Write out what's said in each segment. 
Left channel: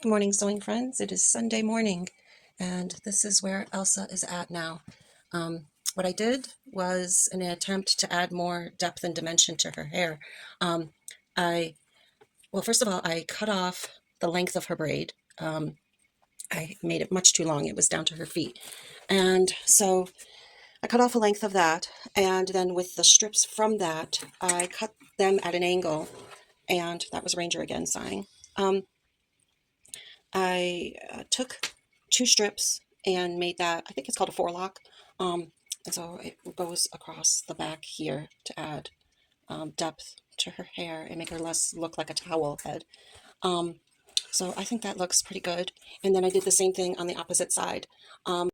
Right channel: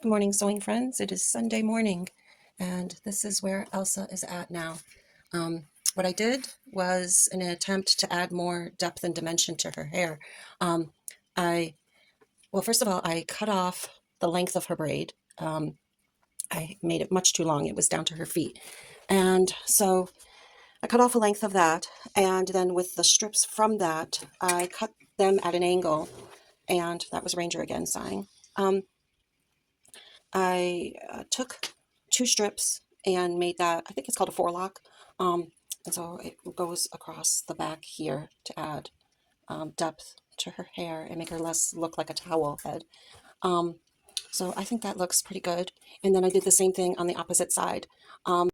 Good morning, sewing friends. It is Sunday morning, and this is where Elsa is at now. What I did was, in an attempt to add more depth and dimension to her hair, um, well, first of all, I cut off the length of her braid. I made it much too long. It was down to her feet. And so I cut off a length of that, and then with the strips from that, I cut them at an angle, and that was Ranger again sighing. I took two strips and made that, I think it's called a forelock. And so it goes across the back here to add depth to her hair and make her less look like a towel head. So I think that looks pretty good. And then I did the same thing on the opposite side. I'll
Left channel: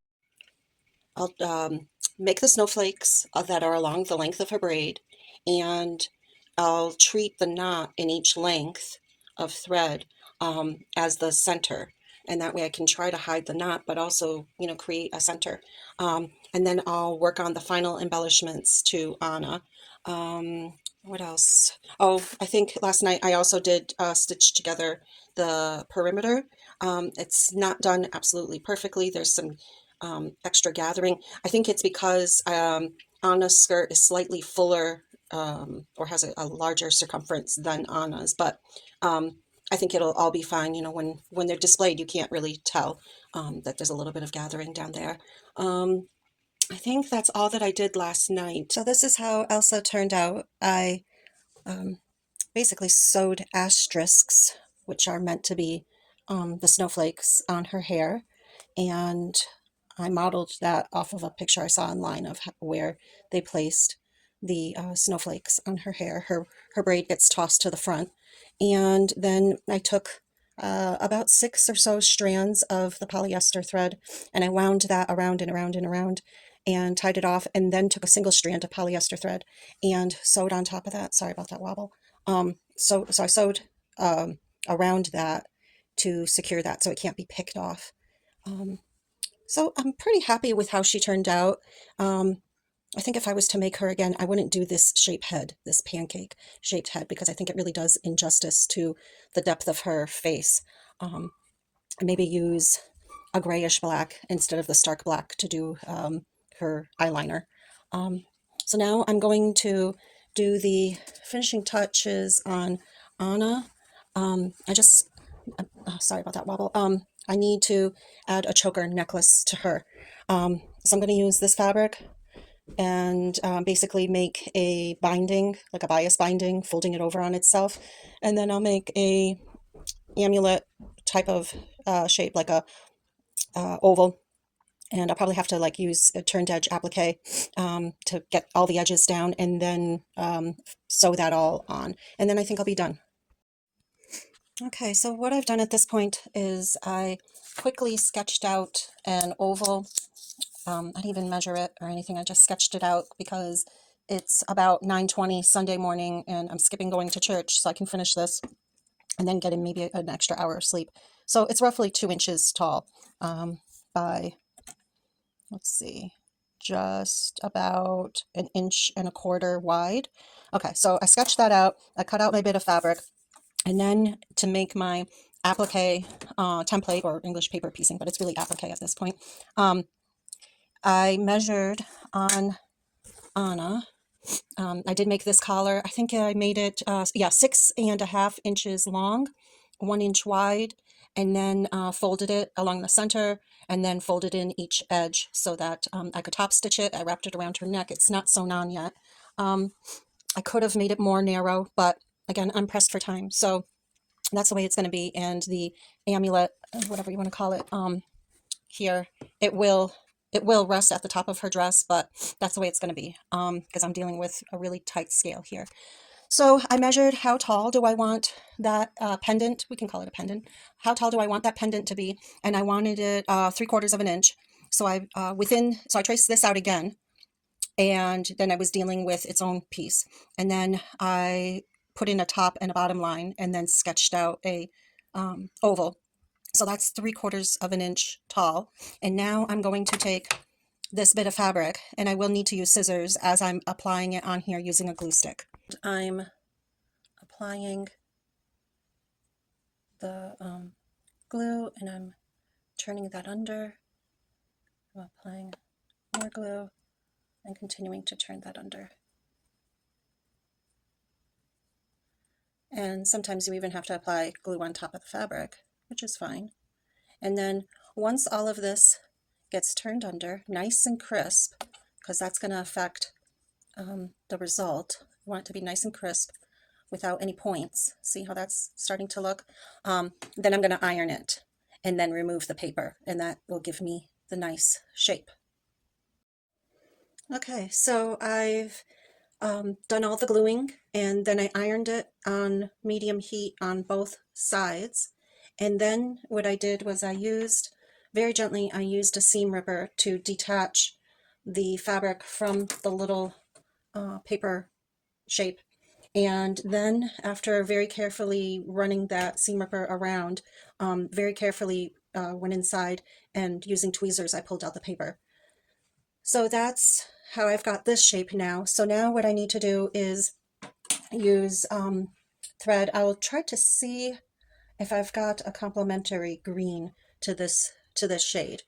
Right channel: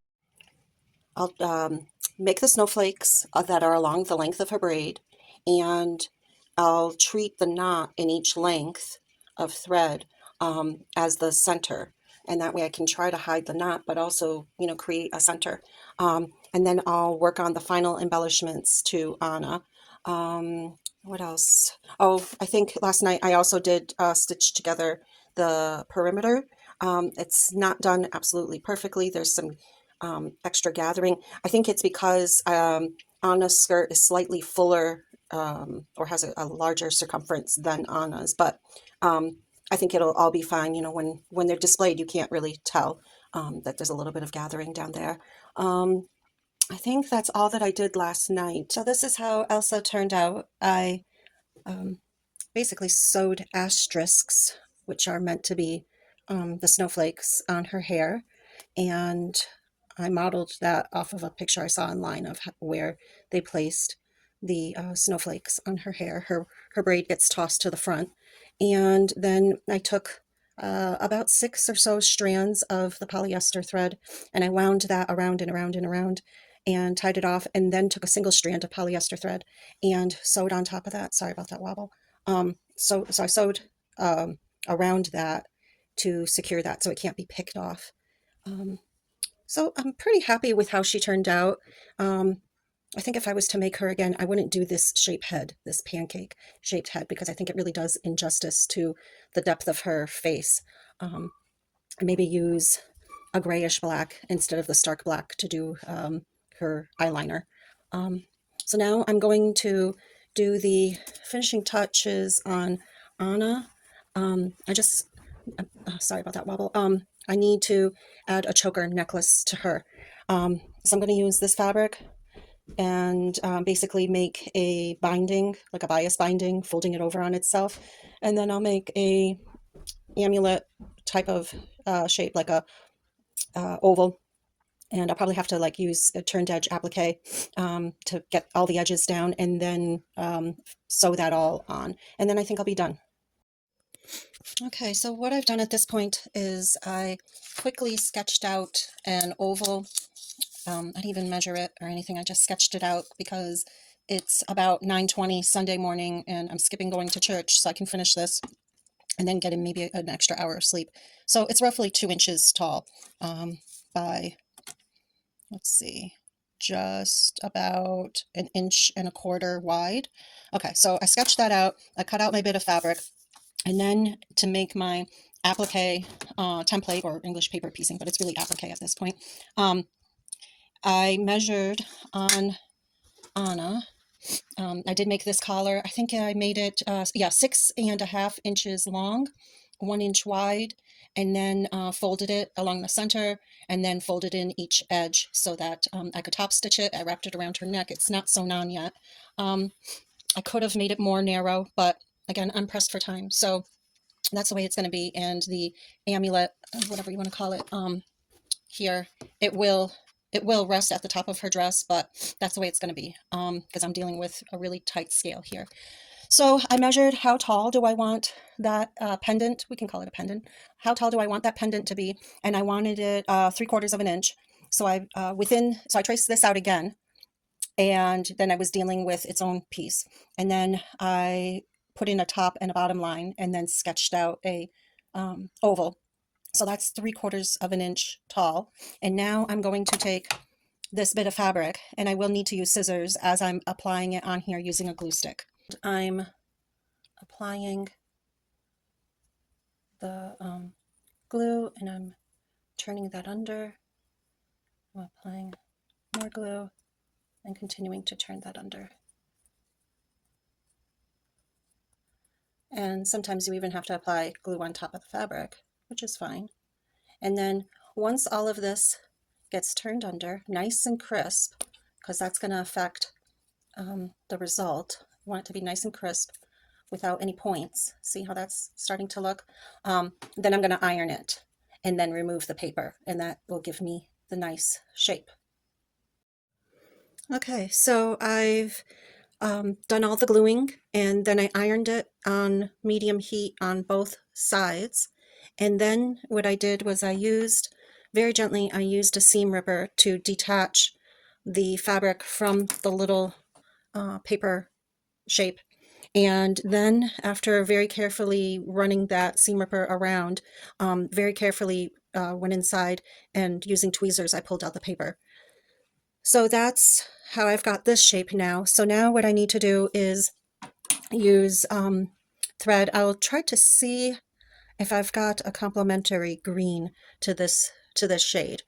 make the snowflakes that are along the length of her braid, and I'll treat the knot in each length of thread as the center. And that way I can try to hide the knot, but also, create a center. And then I'll work on the final embellishments to Anna. What else? Oh, I think last night I also did stitch together the perimeter. It's not done absolutely perfectly. There's some extra gathering. I think it's because Anna's skirt is slightly fuller or has a larger circumference than Anna's, but I think it'll all be fine. When they're displayed, you can't really tell that there's a little bit of gathering down there. I think that's all that I did last night. So this is how Elsa turned out. I basically sewed asterisks, which are meant to be the snowflakes on her hair, and I modeled that off of a picture I saw online of where they placed the snowflakes on her hair. Her braid gets tossed to the front, and then I took about 6 or so strands of the polyester thread, and I wound that around and around and around and tied it off, and then took a single strand of polyester thread and sewed on top of that. Sorry about that wobble. So I sewed around that to secure that so it can't be picked off. So I'm pretty happy with how she turned out. I think if I was to make her again, I wouldn't do this shape head, this pancake shaped head, because I think it really does injustice to the depth of her face. I maybe use a grayish black instead of the stark black to do her eyeliner. So now I'm going to do the finishing touches on Anna. Sorry about that wobble. I need to add a choker necklace to her. So I'm going to use this fabric and basically make a binding, like a bias binding, folding it over on itself. And then I'll make a amulet type of shape, like a oval. And I'll probably have to use a turned edge applique to get all the edges down, and then sew that all on. And then I think I'll be done. Okay, so what I've done at this point is I quickly sketched out an oval. I didn't even measure it or anything. I just sketched it out because it's about 9:20 Sunday morning and I'm skipping going to church, so I can finish this and then get in maybe an extra hour of sleep. So it's roughly 2 inches tall by, let's see, just about 1.25 inches wide. Okay, so I sketched that out. I cut out my bit of fabric. And then to make my applique template, or English paper piecing, but it's really applique at this point, I measured on Anna. I did make this collar. I think I made it, 6.5 inches long, 1 inch wide, and then folded it along the center, and then folded in each edge so that I could top stitch it. I wrapped it around her neck. It's not sewn on yet. I could have made it more narrow, but again, I'm pressed for time. So that's the way it's going to be. And the amulet, whatever you want to call it, here, it will rest at the top of her dress, but that's the way it's going to be because I'm dealing with a really tight scale here. So I measured how tall do I want that pendant. We can call it a pendant. How tall do I want that pendant to be? And I wanted it 3/4 of an inch. So I traced this out again, and then I was dealing with its own piece. And then I put in a top and a bottom line and then sketched out a oval. So that's 3/4 of an inch tall. And now I'm going to take this bit of fabric, and I will need to use scissors as I'm applying it on here using a glue stick. I'm applying the glue and I'm turning that under. I'm applying more glue and continuing to turn that under. And sometimes you even have to apply glue on top of the fabric, which is fine. And then once all of this gets turned under, nice and crisp, because that's going to affect the result. You want it to be nice and crisp without any points. See how that's starting to look? Then I'm going to iron it and then remove the paper, and that will give me the nice shape. Okay, so I've done all the gluing, and then I ironed it on medium heat on both sides. And then what I did was I used, very gently, I used a seam ripper to detach the fabric from the little paper shape. And then after very carefully running that seam ripper around, very carefully went inside and using tweezers, I pulled out the paper. So that's how I've got this shape now. So now what I need to do is use thread. I'll try to see if I've got a complementary green to this shade,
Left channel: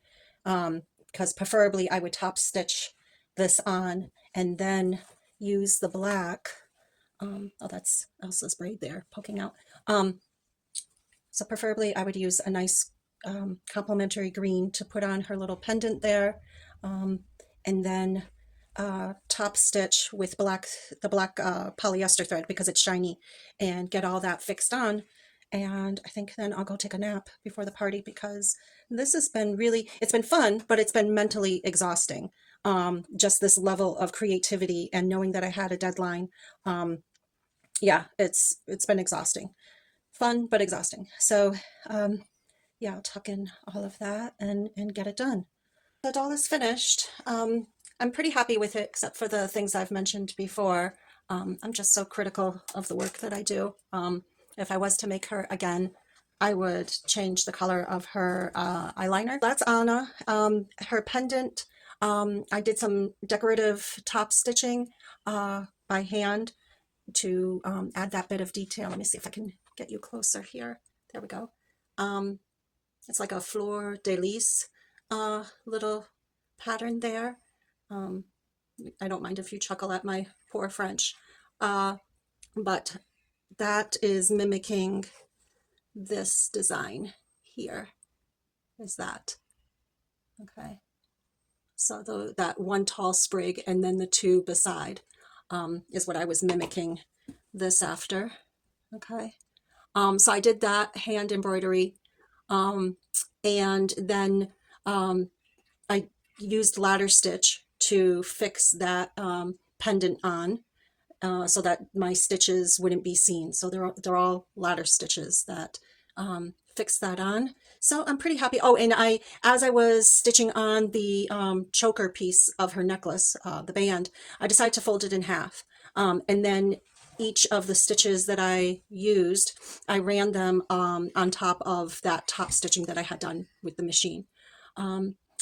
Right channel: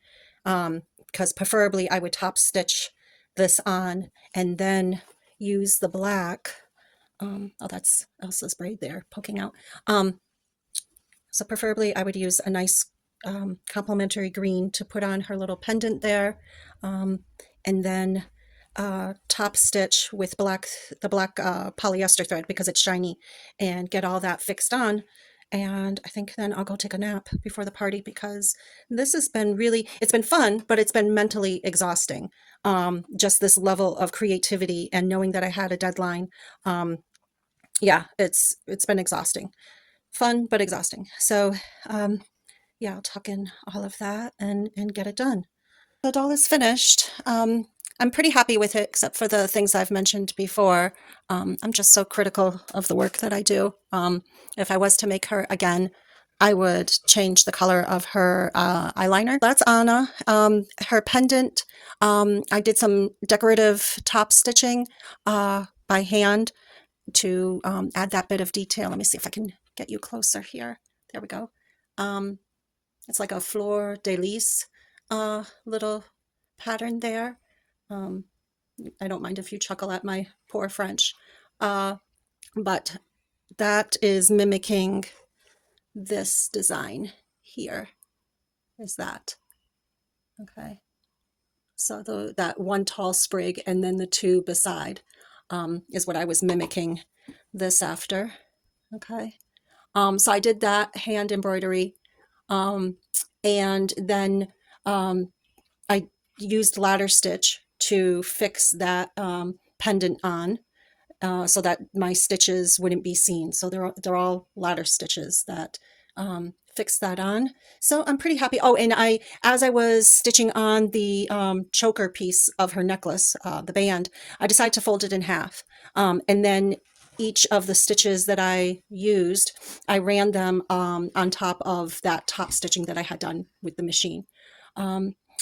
because preferably I would top stitch this on and then use the black. Oh, that's Elsa's braid there poking out. So preferably I would use a nice complementary green to put on her little pendant there, and then top stitch with the black polyester thread because it's shiny, and get all that fixed on. And I think then I'll go take a nap before the party, because this has been really, it's been fun, but it's been mentally exhausting. Just this level of creativity and knowing that I had a deadline. Yeah, it's been exhausting. Fun, but exhausting. So yeah, I'll tuck in all of that and get it done. The doll is finished. I'm pretty happy with it, except for the things I've mentioned before. I'm just so critical of the work that I do. If I was to make her again, I would change the color of her eyeliner. That's Anna. Her pendant, I did some decorative top stitching by hand to add that bit of detail. Let me see if I can get you closer here. There we go. It's like a fleur de lis little pattern there. I don't mind if you chuckle at my poor French, but that is mimicking this design here, is that. Okay, so that one tall sprig and then the two beside is what I was mimicking this after. Okay, so I did that hand embroidery, and then I used ladder stitch to fix that pendant on, so that my stitches wouldn't be seen. So they're all ladder stitches that fix that on. So I'm pretty happy. Oh, and as I was stitching on the choker piece of her necklace, the band, I decided to fold it in half, and then each of the stitches that I used, I ran them on top of that top stitching that I had done with the machine.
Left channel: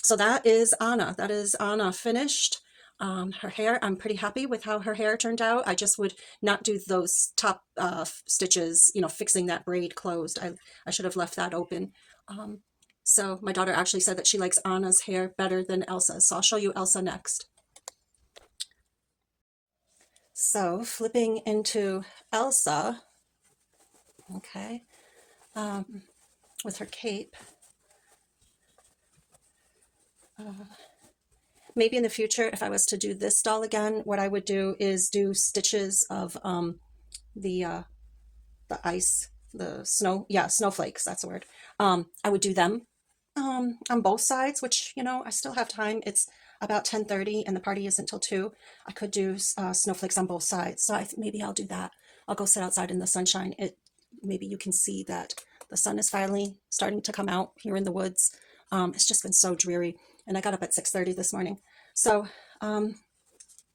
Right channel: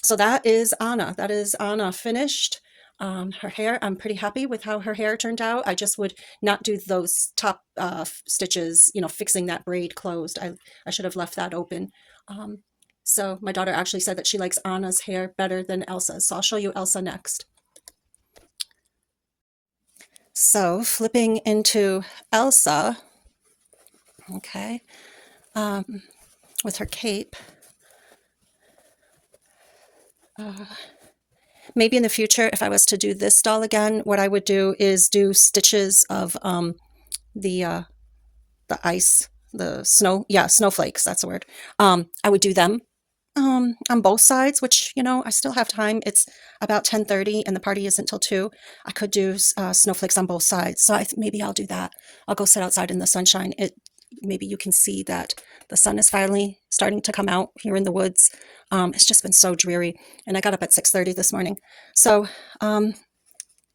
So that is Anna. That is Anna finished. Her hair, I'm pretty happy with how her hair turned out. I just would not do those top stitches, you know, fixing that braid closed. I should have left that open. So my daughter actually said that she likes Anna's hair better than Elsa's. So I'll show you Elsa next. So flipping into Elsa, okay, with her cape. Maybe in the future, if I was to do this doll again, what I would do is do stitches of the ice, the snow, yeah, snowflakes, that's the word. I would do them on both sides, which, you know, I still have time. It's about 10:30 and the party isn't till 2. I could do snowflakes on both sides. So maybe I'll do that. I'll go sit outside in the sunshine. Maybe you can see that the sun is finally starting to come out here in the woods. It's just been so dreary, and I got up at 6:30 this morning. So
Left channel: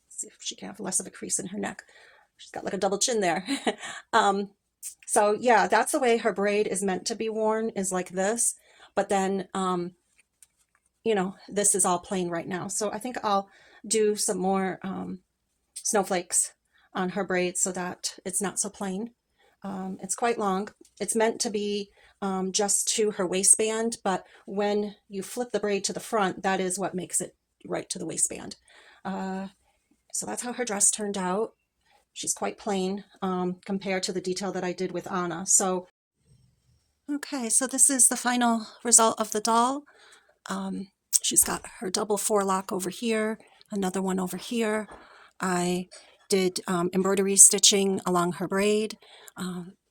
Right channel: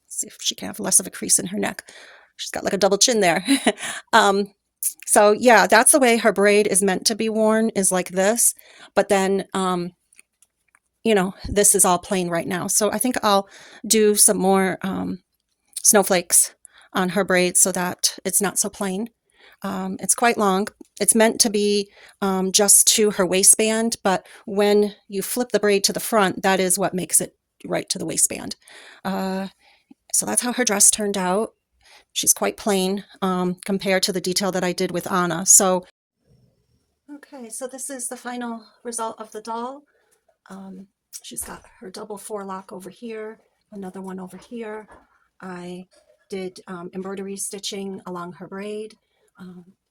see if she can have less of a crease in her neck. She's got like a double chin there. So yeah, that's the way her braid is meant to be worn, is like this. But then, you know, this is all plain right now. So I think I'll do some more snowflakes on her braid so that it's not so plain. It's quite long. It's meant to be just to her waistband, but when you flip the braid to the front, that is what makes it right to the waistband. So that's how her dress turned out. She's quite plain compared to the detail that I did with Anna. So, okay, so this is the final result of the doll. She's got her double forelock over here, another one over here. I did embroidery stitching along her braid.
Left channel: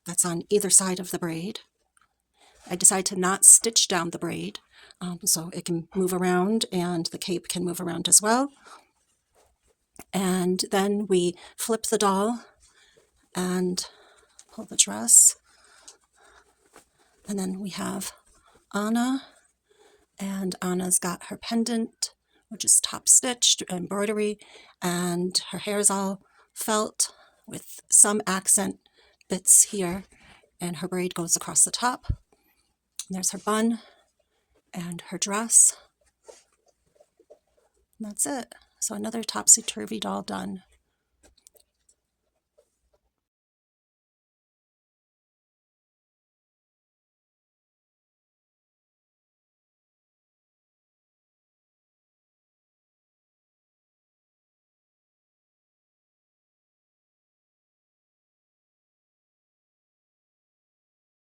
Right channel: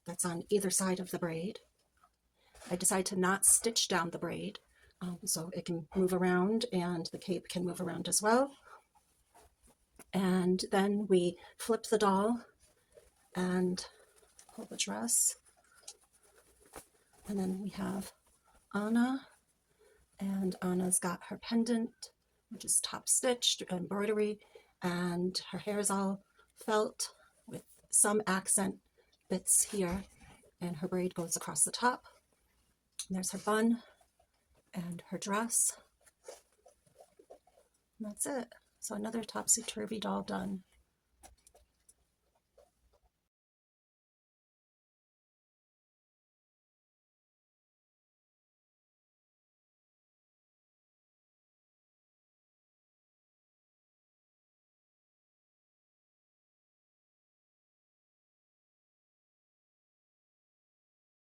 That's on either side of the braid. I decided to not stitch down the braid so it can move around and the cape can move around as well. And then we flip the doll and pull the dress. And then we have Anna, and Anna's got her pendant, which is top stitched embroidery, and her hair is all felt with some accent bits here, and her braid goes across the top. And there's her bun and her dress. And that's it. So another Topsy Turvy doll done.